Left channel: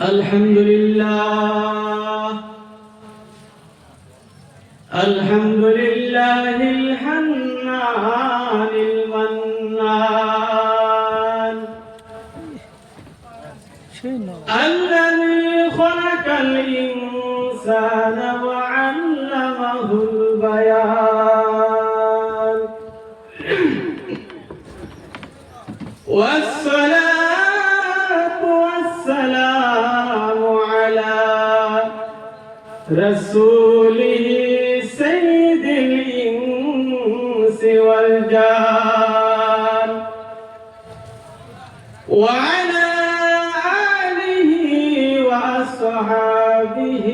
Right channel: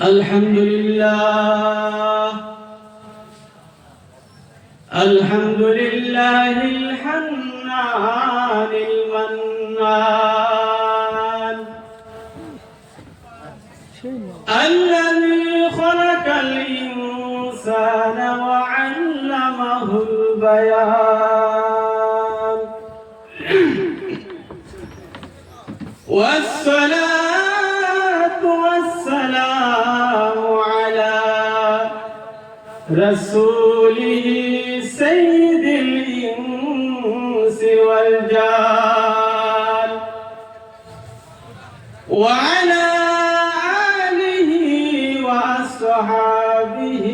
الحمد لله الحمد لله الحنان المنان الذي خلق الإنسان وعلمه البيان والصلاة والسلام على رسوله سيد الإنس والجان وعلى آله وأصحابه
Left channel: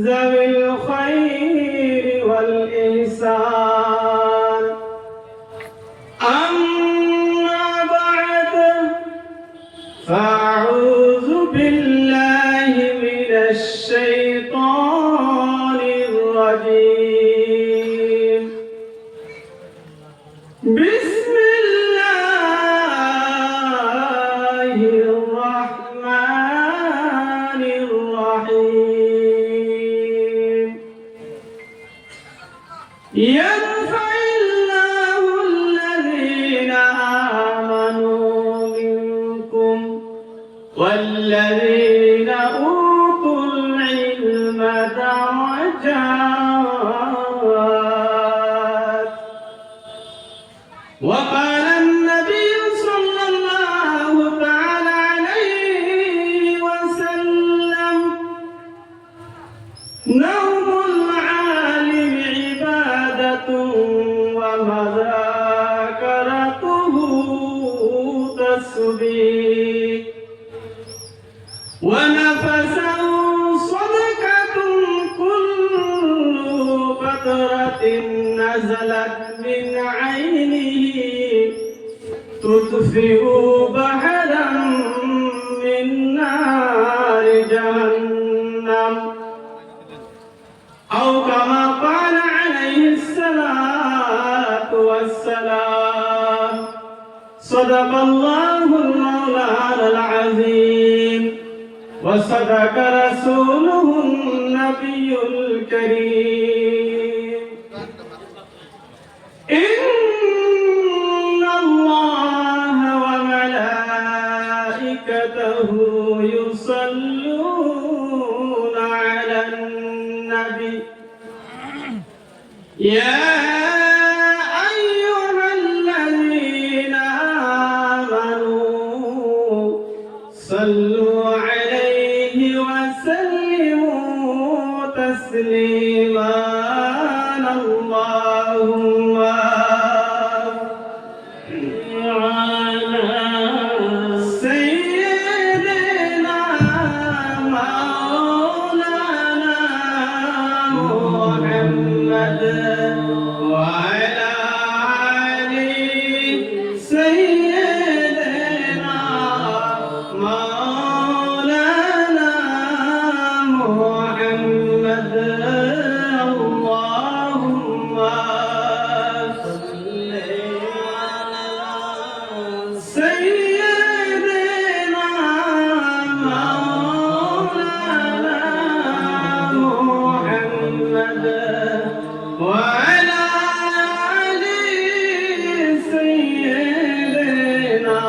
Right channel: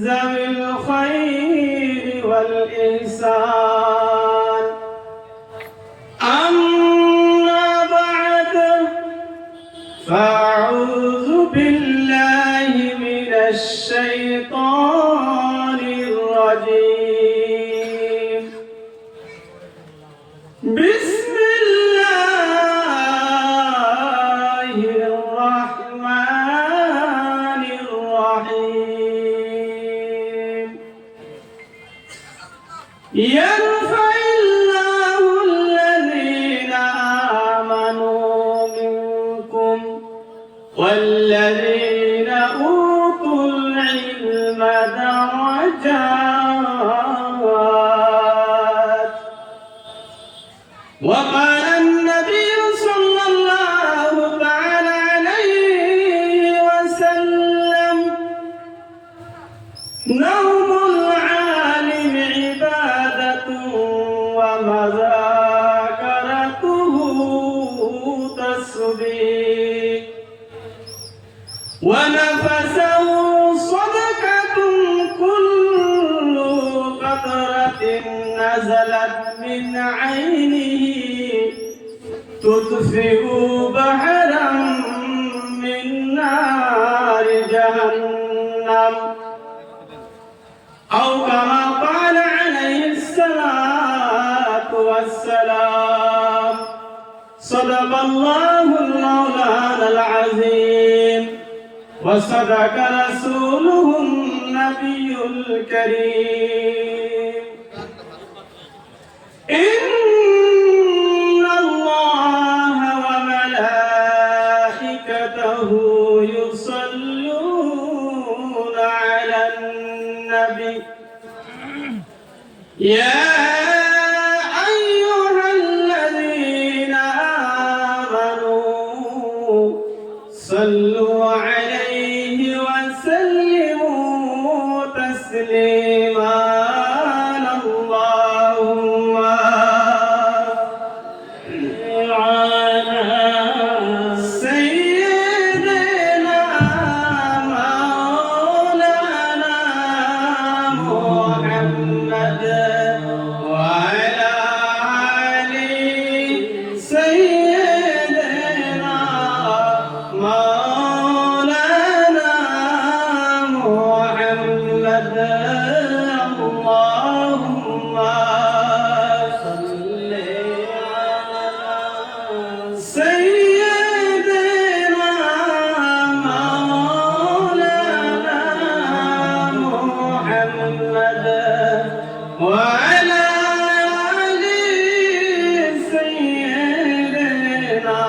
ذوي الخير والإحسان أما بعد فأعوذ بالله من الشيطان الرجيم بسم الله الرحمن الرحيم يرفع الله الذين آمنوا منكم والذين أوتوا العلم درجات وقال النبي صلى الله تعالى عليه وسلم نوم العالم عبادة ومذاكرته تسبيح ونفسه صدقة كل قطرة نزلت من عينه تطفئ بحرا من نار جهنم أو كما قال عليه الصلاة والسلام صدق الله المولانا العظيم وصدق رسوله النبي الكريم إن الله وملائكته يصلون على النبي يا أيها الذين آمنوا صلوا عليه وسلموا تسليما اللهم على سيدنا مولانا محمد وعلى آل سيدنا مولانا محمد اللهم صل على سيدنا مولانا محمد وعلى آل سيدنا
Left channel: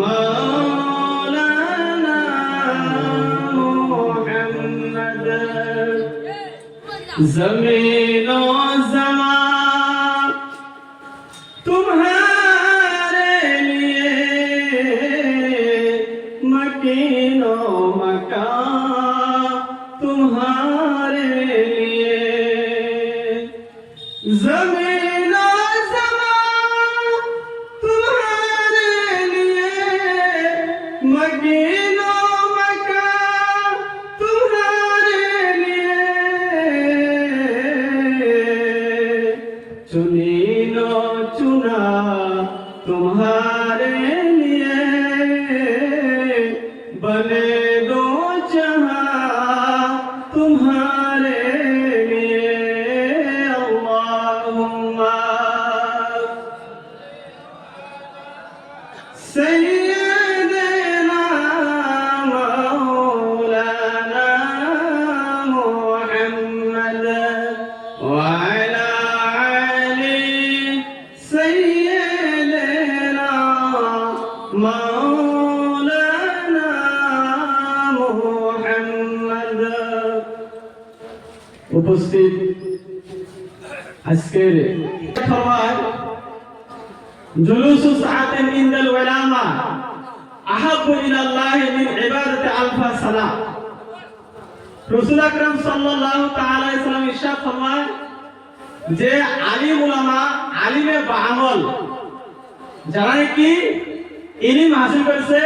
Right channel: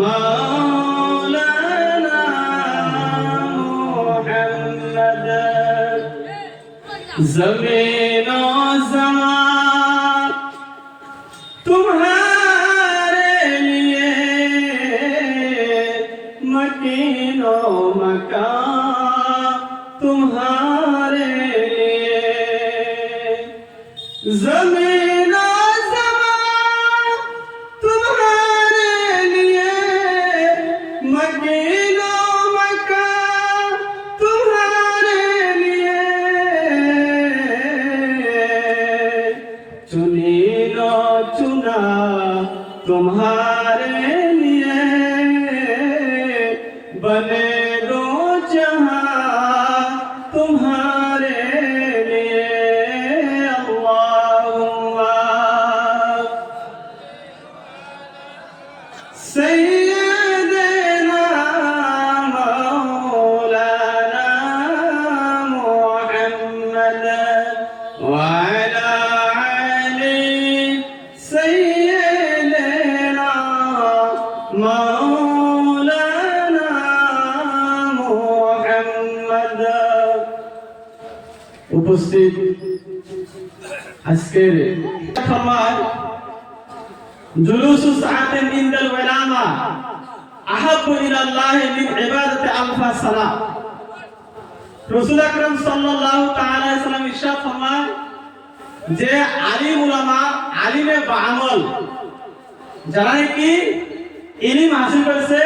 مولانا محمد ज़मीन और ज़मान तुम्हारे लिए मकीन और मकान तुम्हारे लिए ज़मीन और ज़मान तुम्हारे लिए मकीन और मकान तुम्हारे लिए चुनीनो चुना तुम्हारे लिए बने दो जहां तुम्हारे लिए अल्लाहुम्मा सैयद مولانا محمد উপস্থিত আজকের ফরমায় জুলুসু সাআতিন ইনদাল উলামা আহাব্বু ইলাল্লাহি মিন ইবাদাতি আলফা সালাহ। রাসূল আকরাম সাল্লাল্লাহু তাআলা আলাইহি সাল্লাম ইরশাদ ফরমায় যে আলিম উলামা আলিমে বাআমল যারা কি ইলম হাসিল করেছে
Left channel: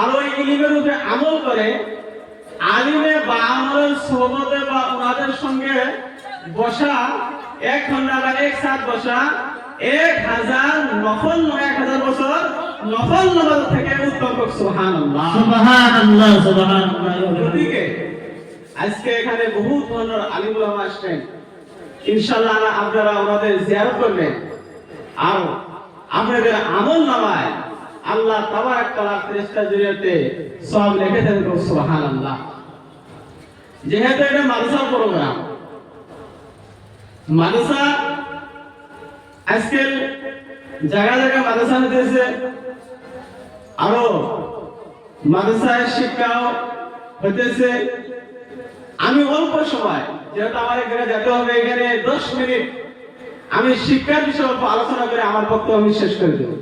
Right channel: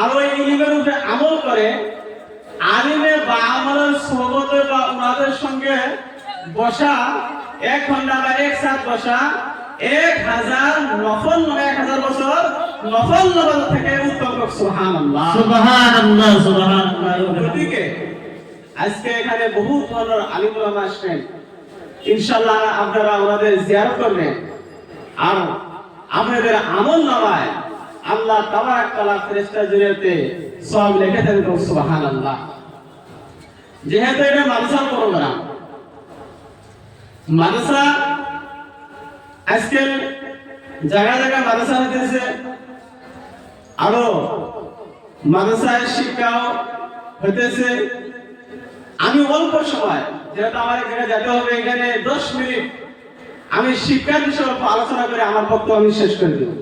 আর ওই ইলমের উপরে আমল করে, আলিমে বাআমলের সোহবতে বা ওনাদের সঙ্গে বসা 1 ঘন্টা বা 1 সাত বসা 1000 নফল 1000 বছর নফল নামাজ থেকে উত্তম। সুবহানাল্লাহ সুবহানাল্লাহ সুবহানাল্লাহ। ঠিক আজকে এখানে বহু ধরনের আলিম উলামা আসবেন, ইনশাআল্লাহ আপনারা আমাদের জিয়ারত করবেন আর আপনাদের আমল নামায় আল্লাহ তাবারক তাআলা ফেরেশতা জরিয়াতে সওয়াব লিখে দেন। সুবহানাল্লাহ। যেহেতু এটা মাদ্রাসার প্রোগ্রাম, মাদ্রাসা আজকাল জায়গা জায়গা মাদ্রাসা হইতেছে, আরো মাদ্রাসায় শিক্ষা হইতেছে। আমি অল্প সময়, যেহেতু আমার এখানে যেতে হবে, এখানে 10 মিনিট আমি শিক্ষার বিষয়ে আলোচনা করে আমার বক্তব্য আমি শেষ করে দেব।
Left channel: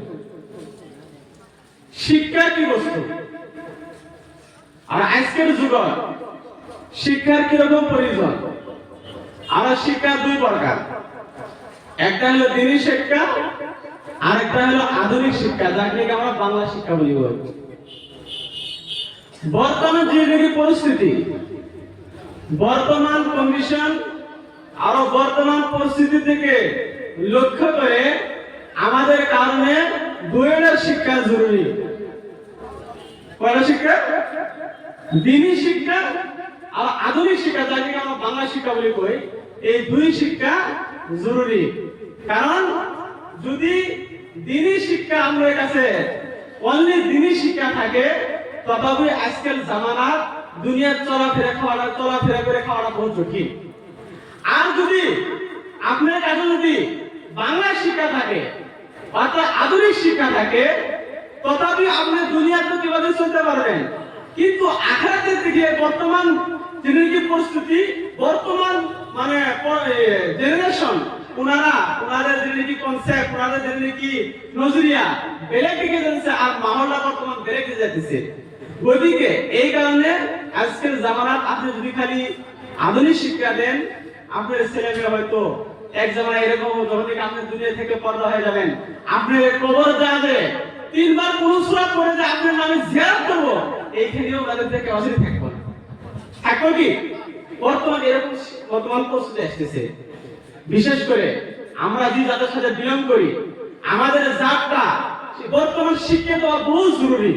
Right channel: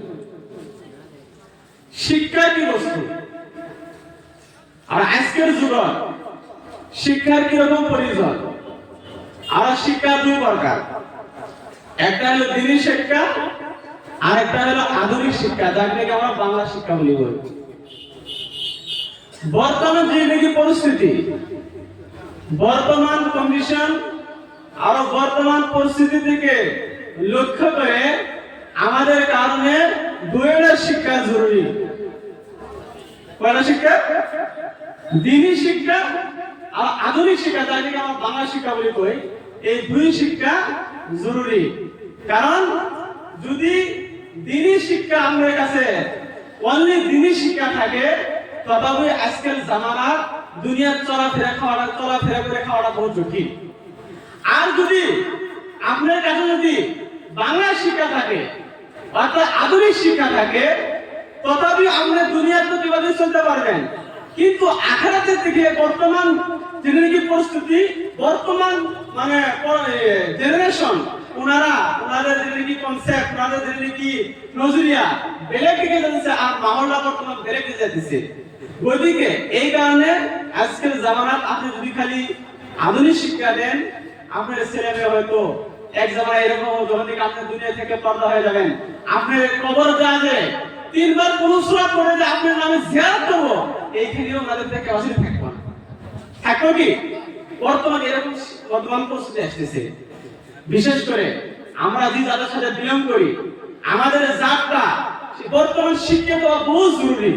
শিক্ষা কি বস্তু আর আজকের যুগে শিক্ষার কিরকম প্রয়োজন? আমার শিক্ষা 2 প্রকার, একটা হলো দ্বীনি শিক্ষা আর একটা হলো আধুনিক শিক্ষা, যাকে আমরা বাংলা শিক্ষা বলি। বর্তমান যে নাকি পরিস্থিতি, বর্তমান কন্ডিশন আর বর্তমান পরিস্থিতি থেকে লক্ষ্য করে আমাদের কারণে দুইটা শিক্ষা জরুরি। কয়টা শিক্ষা? দ্বীনি শিক্ষা আর আধুনিক শিক্ষা, যাকে আমরা বাংলা শিক্ষা বলি কই। এই 2 শিক্ষা জরুরি, কারণ যদি দ্বীনি শিক্ষা আমাদের কাছে অনলি দ্বীনি শিক্ষা থাকে, তথাপি আজকের জামানার দুনিয়ার চলাফেরা করে খাওয়াটা বহু জটিল। আর যদি আপনার কাছে যদি বাংলা শিক্ষা থাকে অর্থাৎ আধুনিক শিক্ষা থাকে, তথাপি আপনি দুনিয়ার তো কিভাবে চলতে পারবেন, কিন্তু আখিরাতের দিকে বর্তমান যে পরিস্থিতি, বর্তমান মানে জেনারেশন, ওনাদের যে কনসেপ্ট, ওনাদের যে নজরিয়া বেড়ে দিকে যাচ্ছে আর মামলা বর্তমান বেড়ে যেতেছে। ওইদিকে এই কারণে আজকের জামানাত আপনি যদি খালি আধুনিক শিক্ষা দেন, আপনার ছেলেমেয়ে হয়তো এক জামানায় এরকম যখন থেকে আপনি দুনিয়া থেকে পর্দা হয়ে যাবেন, আপনি কবর যাবে 3 বার পুরুষরাত করে যে আপনার নামে জিয়ারত করব, এইখানেও ওনাদের থেকে অসীম থাকবেন। থাকো কি বর্তমান এরকম বর্তমান পরিস্থিতি আসতেছে। বিশেষ করে আমরা যে যাদের সাথে বিলং করি, আমাদের জাতটা বর্তমান শিক্ষিত হওয়া বহু জরুরি।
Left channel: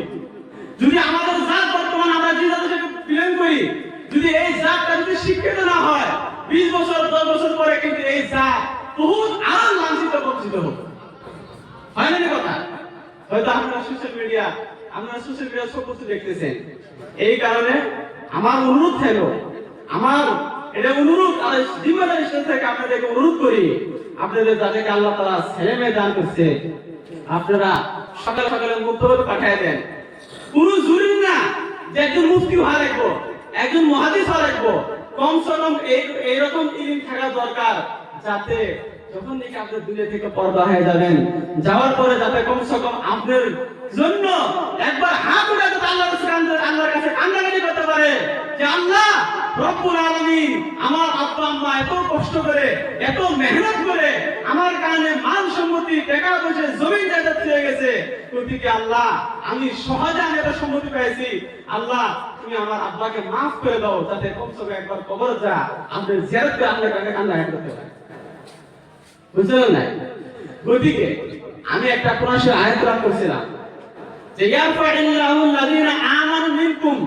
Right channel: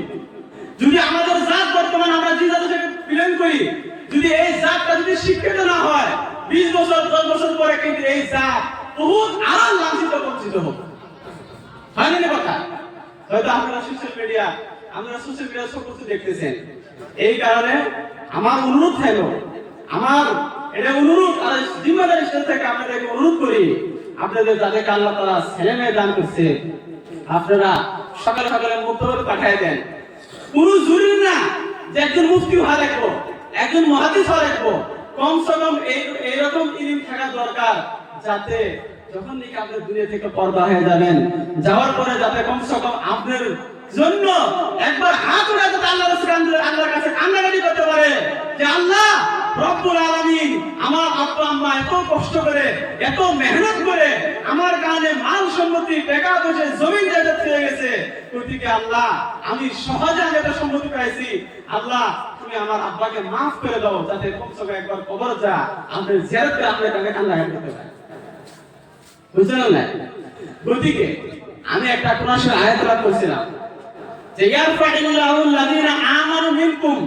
যদি আমাদের জাত বর্তমান আমরা যে যাদের সাথে বিলং করি, যদি এই জাতটা যদি শিক্ষিত না হয়, 20 বছর 10 বছর পরে কিন্তু এই জাত বহুত আর লাঞ্ছিত বঞ্চিত হবে। হয়নি না কথা? হয়তো আপনারা সোশ্যাল মিডিয়া সব কিছু দেখতেছেন। এই কারণে আমার অনুরোধ হলো, আমার এটা অনুরোধ আর জিম্মেদারি থেকে আপনাদেরকে অনুরোধ করি, আপনাদের যাদেরকে আল্লাহ তাআলা ছেলে মেয়ে দান করছে, আপনারা সকালে সকালে মুক্তবাদ পাঠিয়ে দেন। পুরো জরুরি না যে একজন মুফতি হওয়া লাগবো, একজন মুহাদ্দিস হওয়া লাগবো, কমসে কম এইরকম ইলম থাকা দরকার, যাতে যখন নাকি আপনি দুনিয়া থেকে পর্দা হয়ে যাবেন, যাওয়ার পরে যাতে কমসে কম আপনার জন্য একবার হাত উঠাতে আল্লাহর কাছে কান্নাকাটি করতে পারে যে আল্লাহ রব্বুল আলামিন, আমার আব্বা আম্মা এত কষ্ট করে এত মেহনত করে আমার কারণে মাল সম্পত্তি টাকা পয়সা জমি জায়গা ছেড়ে গেছে, ওইদিকে আল্লাহ আমি সহজে এটা সম্পত্তি পাইছি, আল্লাহ তুমি আমার আব্বাকে মাফ করে দাও, যাতে কমসে কম একবার কবর যা আপনি জিয়ারত করে আপনার কাছে কান্নাকাটি করতে পারেন। বুঝলেন না? ওইদিকে আমি একটা কোরআনের আয়াত তেলাওয়াত করেছিলাম যে ইয়ারফা'ুল্লাহু আল্লাযীনা আমানু মিনকুম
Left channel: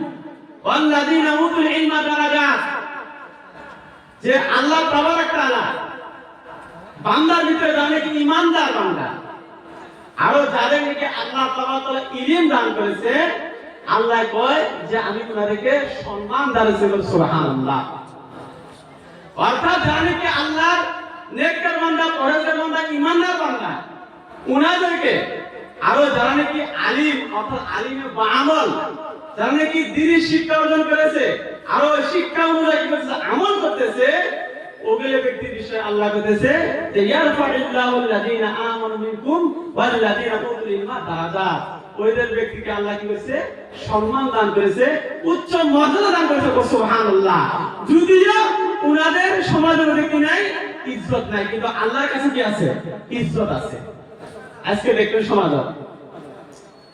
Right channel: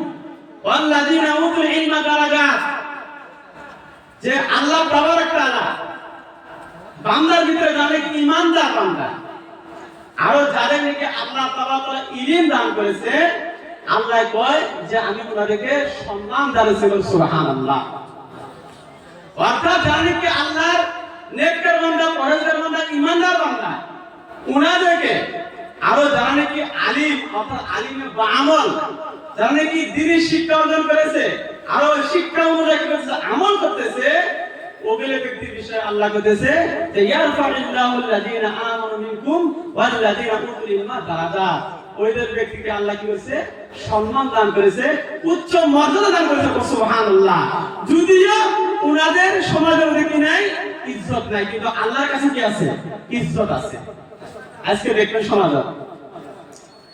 ওয়াল্লাযীনা উতুল ইলমা দারাজাত, যে আল্লাহ তাবারক তাআলা বান্দার ভিতরে যারা কি ঈমানদার বান্দা আর যাদের নাকি আল্লাহ তাবারক তাআলা ইলম দান করেছে, আল্লাহ কয় যে আমি তোমাদেরকে সম্মান দিয়েছি। সুবহানাল্লাহ। অর্থাৎ যারা নাকি আল্লাহর নেককার বান্দা, পরহেজগার বান্দা, ঈমানদার বান্দা, উনাদেরকে আরো যারা নাকি আলিম অর্থাৎ আলিমে বা আমল, যারা নাকি দ্বীনের শিক্ষা অর্জন করেছে, আরো শিক্ষা অনুযায়ী কি করতেছে, আমল করতেছে, ওগুলো ব্যক্তির বিষয়ে আল্লাহ বলতেছে যে ইয়ারফাউল্লাহু আল্লাযীনা আমানু মিনকুম ওয়াল্লাযীনা উতুল ইলমা দারাজাত। ওইদের ব্যক্তিকে আল্লাহ কি করেছে, সম্মান দান করেছে, উচ্চ মর্যাদা দান করেছে। সুবহানাল্লাহ। যদিও উনাদের সমাজের মধ্যে কি নাই, ইজ্জত নাই, কিন্তু আল্লাহর কাছে কি আছে, ইজ্জত আছে। আজকে দেখবেন সমাজ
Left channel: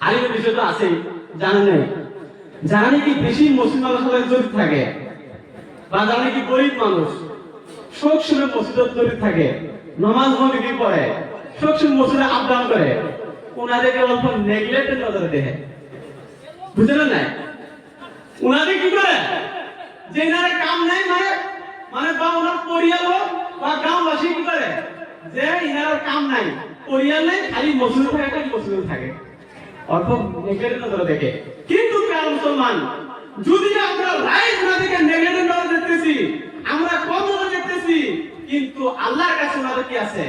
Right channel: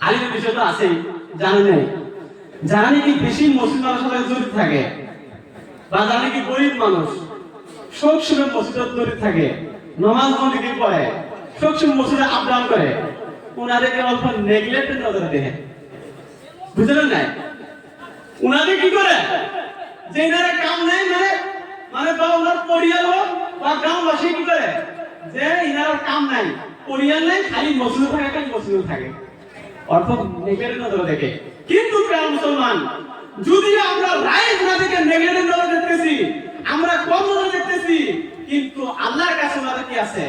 আলিমের বিষয় তো আছেই, জানা নেই, যারা নাকি বেশি মুসলিমের সাথে জড়িত থাকে বা যারা নাকি গরিব মানুষ সব সময় মসজিদে জড়িত থাকে, নামাজ বন্দী পড়ে, সব সময় মসজিদে আহ্বান করে, উনাদেরকে অল্প নেগলেক্টের নজরে দেখে, বুঝলেন নাই? উনাদের কি করে যে এনারা কাম নাই, মানে বা ওনার পরিবার বা গ্রামবাসী কি করে যে এনার কাম নাই, পরিবার নাই, খালি মসজিদে থাকে, খালি মসজিদে থাকে, অল্প নেগলেক্টের নজরে দেখে। কিন্তু প্রিয় মুসলমান, যদি আমরা রাইট না দেখে নেগলেক্টের নজরে দেখতেছি, আমরা কম নজরে দেখতেছি, কিন্তু আল্লাহর কাছে আমাদের কি আছে,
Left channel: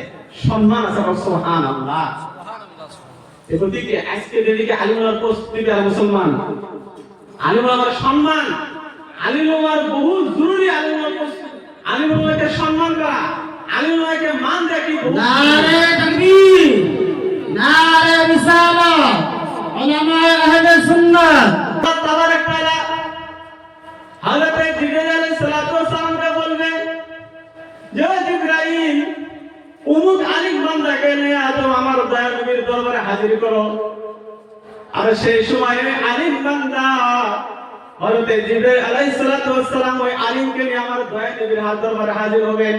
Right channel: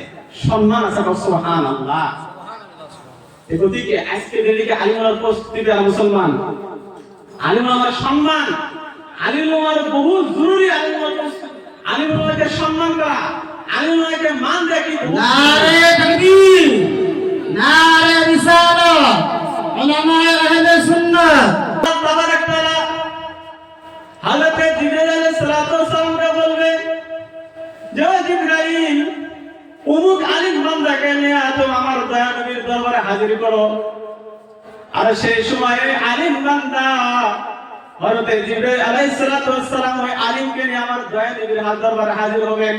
সম্মান আছে। সুবহানাল্লাহ। এদিকে আজকে যেদিকে আলিমুল প্রস্তুতি আর মুসলমান, আলিমুলের সম্মান, আলিমুলের বহু জরুরি, আলিমুলকে সম্মান করা, আলিমুলকে মান রাখি। নারে তাকবীর, নারে রিসালাত, উলামায়ে আহলে সুন্নাত। তাবারাক তাআলা হযরত জিবরাইল আলাইহিস সালাতু ওয়াস সালামকে বলবে যে জিবরাইল, উমুক আলিম বান্দাকে নিয়ে আজ আমার দয়ার নবীর দরবারে হাজির করো। আর সেই সময়ে আলিম বান্দা হযরত জিবরাইল আলাইহিস সালাতু ওয়াস সালাম ওই আলিমকে নিয়ে আমার দয়ার নবীর দরবারে হাজির হবেন।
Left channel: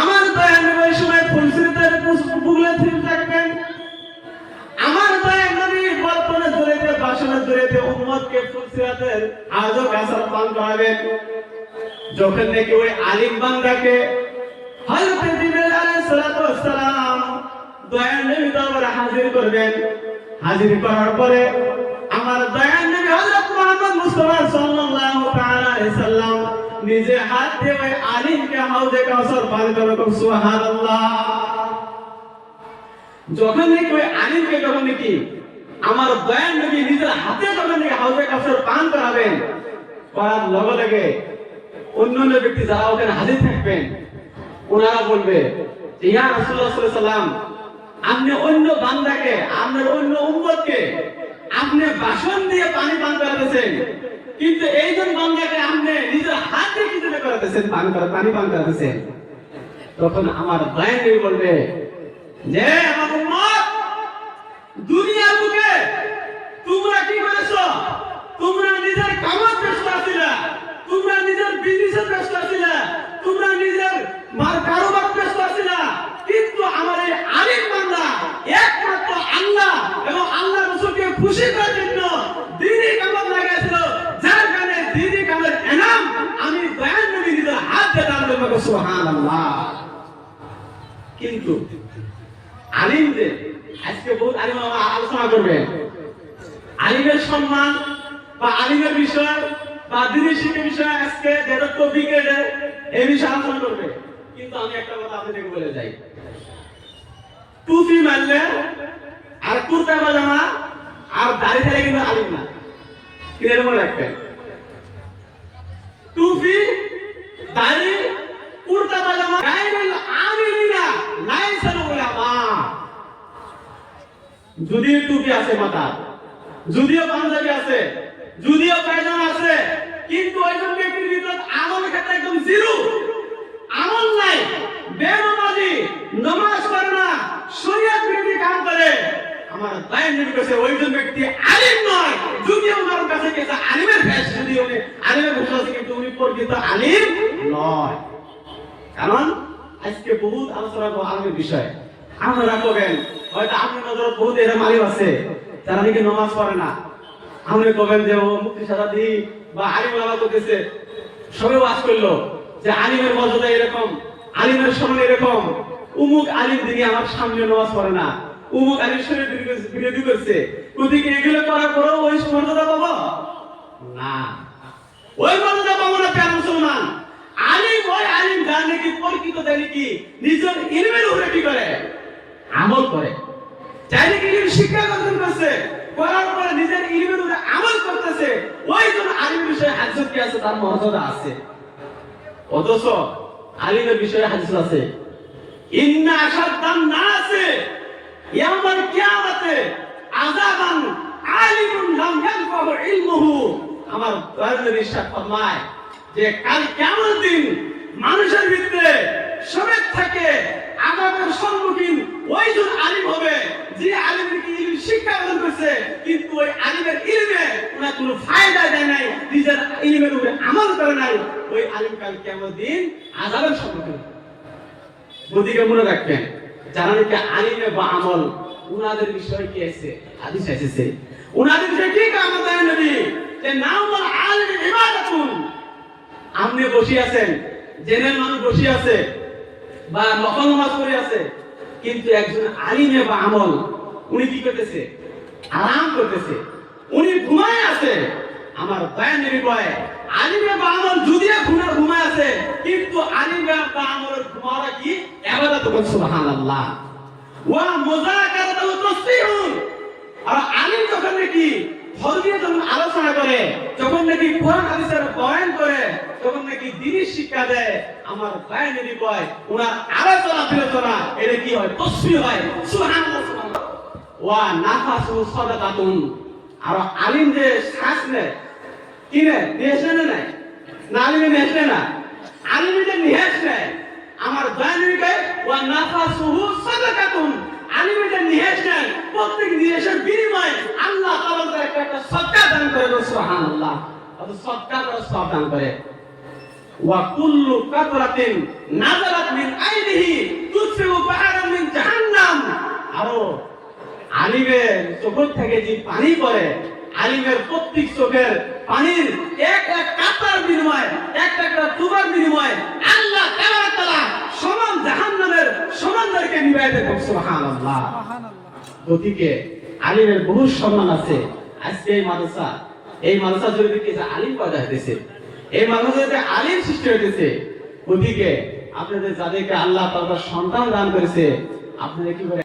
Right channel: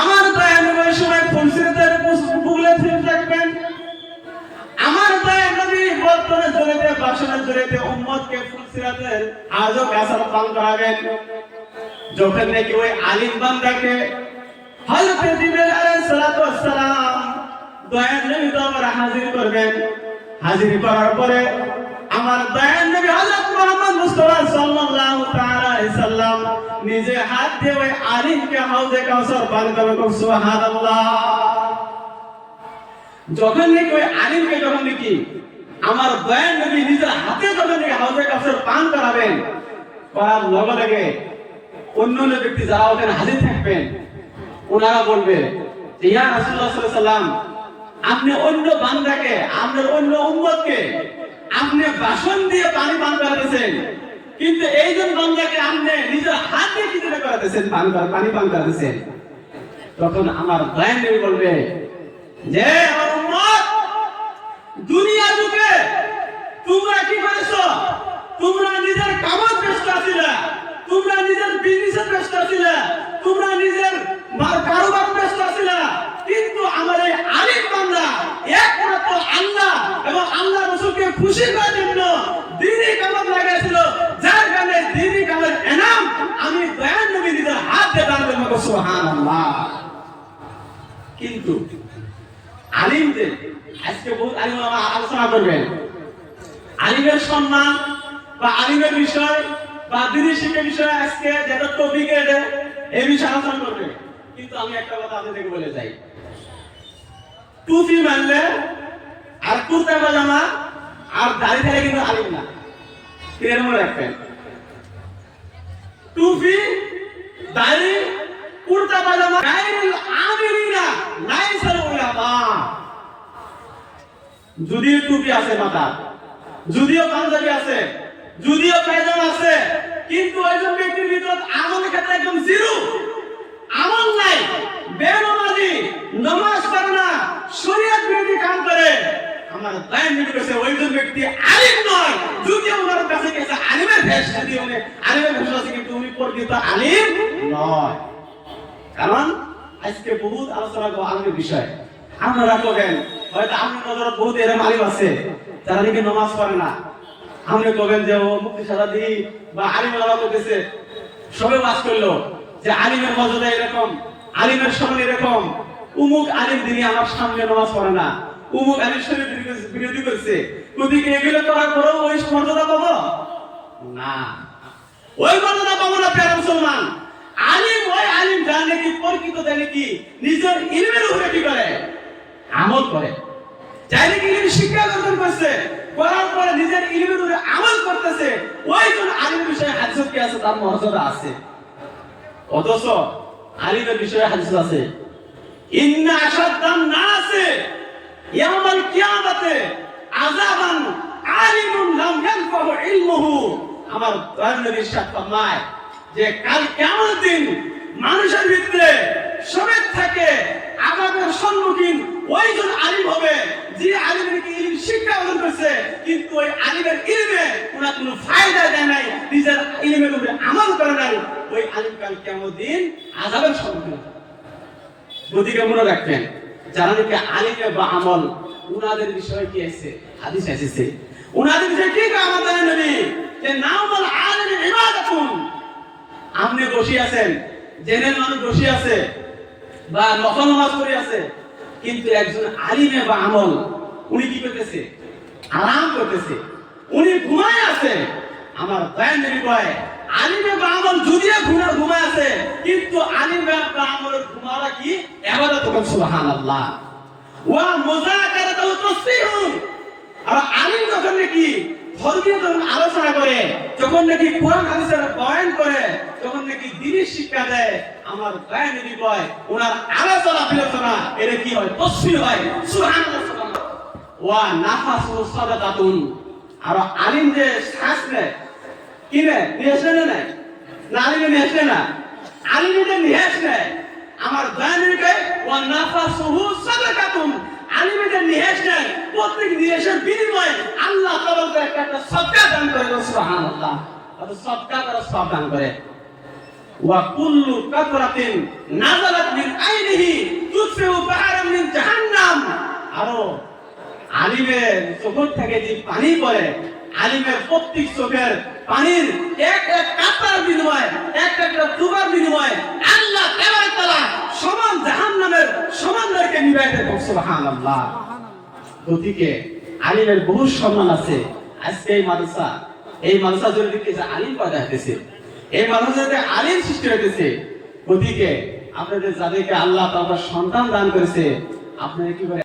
আমার দয়ার নবী ওই সময় ফুলসিরাতের বুগলে ফিরে থাকবেন। আমার দয়ার নবী বর্তমানে জড়িতে বাসনা জড়িতে উম্মতকে ফুলসিরাতের আজও কাসার পান করাবেন। যখন নাকি ওই আলিম বান্দাকে হযরত জিবরাইল আলাইহিস সালাতু ওয়াস সালাম দয়ার নবী দরবারে হাজির করবেন। হাজির করার পরে আমার দয়ার নবী হযরত মুহাম্মদ মুস্তাফা সাল্লাল্লাহু তাআলা আলাইহি সাল্লাম নিজে হাত দিয়ে ওই আলিমকে হাউজে কাউসার পান করাবেন। সুবহানাল্লাহ। যখন নাকি ওই আলিমকে যখন নাকি আমার দয়ার নবী নিজের হাতে যখন নাকি হাউজে কাউসার পান করাবেন, করার লগে লগে অন্যান্য ব্যক্তি যারা ওখানে হাজির থাকবেন, ওনারা বলবে যে ইয়া রাসূলুল্লাহ সাল্লাল্লাহু আলাইহি সাল্লাম, আপনি অন্য বান্দাকে, আপনার অন্য উম্মতকে আপনি বাসন দিয়ে পানি পান করাতেছেন, কিন্তু এইজন বান্দাকে আপনি নিজের হাতে কি দিয়ে করাতেছেন, পানি পান করাতেছেন। তখন আমার দয়ার নবী বলবে যে আমার উম্মত, দুনিয়া থেকে তোমরা কি করেছো? তোমরা নিজের কামত ব্যস্ত ছিলা, তোমরা নিজের বিজনেসে ব্যস্ত ছিলা, তোমরা নিজের কারোবার ব্যস্ত ছিলা, কিন্তু আমার এই আলিম বান্দা একমাত্র আল্লাহ এবং আল্লাহ রাসূলকে খুশি করার জন্য দ্বীনি কামত লাগাইছিল, যার কারণে দ্বীনি কামের ইনাম আমি দয়ার নবী নিজের হাত দিয়ে দান করব। সুবহানাল্লাহ। কিন্তু আলিমদের আজকে বহুত আলিম আলোচনা করবেন, আলিমের সম্মান বা আলিমের বিষয় বা দ্বীনি শিক্ষার বিষয় আজকে যেটা টপিক এই বিষয়ে আলোচনা করবে। কিন্তু আমি একটা কথা আপনাদেরকে বলে যাই, টুপি মানলে আর কুর্তা পাজামা আর দাড়ি থাকলে কিন্তু আলিম না। এর মনে রাখবেন, টুপি, দাড়ি, কুর্তা পাজামা গায়রুল আমিলিনা লাইসাল উলামা। যদিও টুপি আছে মাথা, যদিও পাঞ্জাবি আছে, যদিও পায়জামা আছে, কিন্তু একজন ব্যক্তির ভিতর আমলের ক্ষেত্রে একদম জিরো, আমল নাই, বেনামাজি, নামাজ পড়ে না, শরীয়ত বিরোধী কাম করে, আমার দয়ার নবী কইছে ওইজন ব্যক্তি আলিম নয়। যদি আমার কাছে গেছে আলিমের ভেষ, যদি উনি আলিমের ভেষ আছে, কিন্তু উনি প্রকৃত আলিম নয়। কারণ আজকে বহুত আলোচনা করব আলিমের বিষয়। আপনারা কবেন হয়তো আপনি নজর বহুত এরকম আলিম আছে যারা নাকি নামাজ পড়ে না, আপনি কবেন যে ও মুক্তি সারা দি বা আলিম আলাদা করতেছে, সবাই ওয়াজ করলো যে আলিমের মর্যাদা এরকম, আলিমের সম্মান এরকম, উমুক আলিম দিনে আমার সামনে নামাজ পড়ে না, উমুক আলিম শরীর বিরোধী করছে, ওদিকে এগুলো করার পরেও ওই মর্যাদা পাবো না, ওই মর্যাদা পাবো না। প্রিয় মুসলমান, আলিম ওই আলিম জানে কি প্রকৃত জানে কি নিজের ইলমের উপরে কি করে, আমল করে। যাই নাকি ইলম শিক্ষা অর্জন করছে, করার পরে নিজের ইলমের উপরে আমল করতেছে, ওইজন আলিম বিষয়ে হাদিস কি আছে, তার মর্যাদা আছে। অথচ আলিমের বিষয়ে হাদিস আছে, ইন্না আশাদ্দান নাসে ইয়াউমাল কিয়ামাতে আযাবান আলিমুন লাম ইয়ানফাহু ইলমুহু। আমার দয়ার নবী ইরশাদ ফরমায় যে কাল কিয়ামত দিন মানুষের ভিতরে সমেত থাকে আযাবের সম্মুখীন ওইজন আলিম হবে যে আলিম নাকি ইলম শিক্ষা অর্জন করছে, কিন্তু ওই আলিমের ইলমে ওনার কোনো ফায়দা দেয় নাই, নিজের ইলমের উপরে আমল করে নাই, ওই আলিম কাল কিয়ামত দিন আযাবের সম্মুখীন। বুদ্ধিকে মনে রাখবেন, যারা নাকি আলিমে বা আমল, উনাদের বিষয়ে কি আছে, হাদিস এসেছে। উনাদের বিষয়ে ঠিক আমাদের নবী যে নামুল আলিম ইবাদাতুন। আপনি বসে আছেন, জেনের মানুষ বসে আছে বা নফল নামাজ পড়ে আছে, কিন্তু একজন আলিমে বা আমল উনি কি করতেছে, আরাম করতেছে, উনি ঘুমায় আছে। আমার দয়ার নবী বলে আলিমে বা আমল যদিও ঘুমায় আছে, কিন্তু আলিমে বা আমলের ঘুমারা কি ইবাদত করুন, সুবহানাল্লাহ। ওয়া মুযাকারাতু তাসবিহুন। আর আলিম যখন নাকি ধর্মীয় যখন আলোচনা করে, যখন নাকি কোরআন হাদিসের বয়ান করে, তখন নাকি দ্বীনের শিক্ষা দেয়, আমার দয়ার নবী বলে ওনার আলোচনা বিলোচনা এটা কি হয়, তাসবিহ হয়, সুবহানাল্লাহ সুবহানাল্লাহ। ওয়া নাফাসু সাদাকাতুন। আর আলিম যে শ্বাস নেয়, কি নেয়, নিঃশ্বাস নেয় না, আলিমে নিঃশ্বাস না, আলিমে যে নিঃশ্বাস নেয়, আমার দয়ার নবী কয় ওয়া নাফাসুহু সাদাকাতুন। আলিমে যে নিঃশ্বাস নেয়, প্রত্যেক নিঃশ্বাসের বিনিময়ে আল্লাহ তাআলা তাকে একটা সদকা দান করে, সুবহানাল্লাহ। আর সদকা করে সব দান করে। ওয়া কুল্লু কাতরাতিন নাযারাত মিন আইনিহি তুসফিউ বাহরান মিন জাহান্নাম। আর আলিমের চোখ থেকে যে পানি পড়ে, আলিমের প্রত্যেক চোখের পানির এক এক কাতরার বিনিময়ে, এক একটা তুবার বিনিময়ে আল্লাহ তাআলা সমান জাহান্নামের সমানদেরকে নিবাই দেন, সুবহানাল্লাহ। গতিকে আলিমের বহু সম্মান আছে। আজকে এই মাদ্রাসা যদি কিছু আলিম পয়দা হতেছে, এই মানুষের আলিম সৃষ্টি হতেছে। গতিকে আপনাদের যাদেরকে আল্লাহ তাআলা সন্তান দান করেছে, আপনারা কি করে